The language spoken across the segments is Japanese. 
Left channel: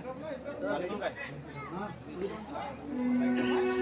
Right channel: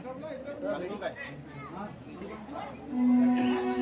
頑張れ頑張れ。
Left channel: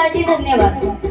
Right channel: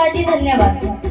शिवाजी धन्यवाद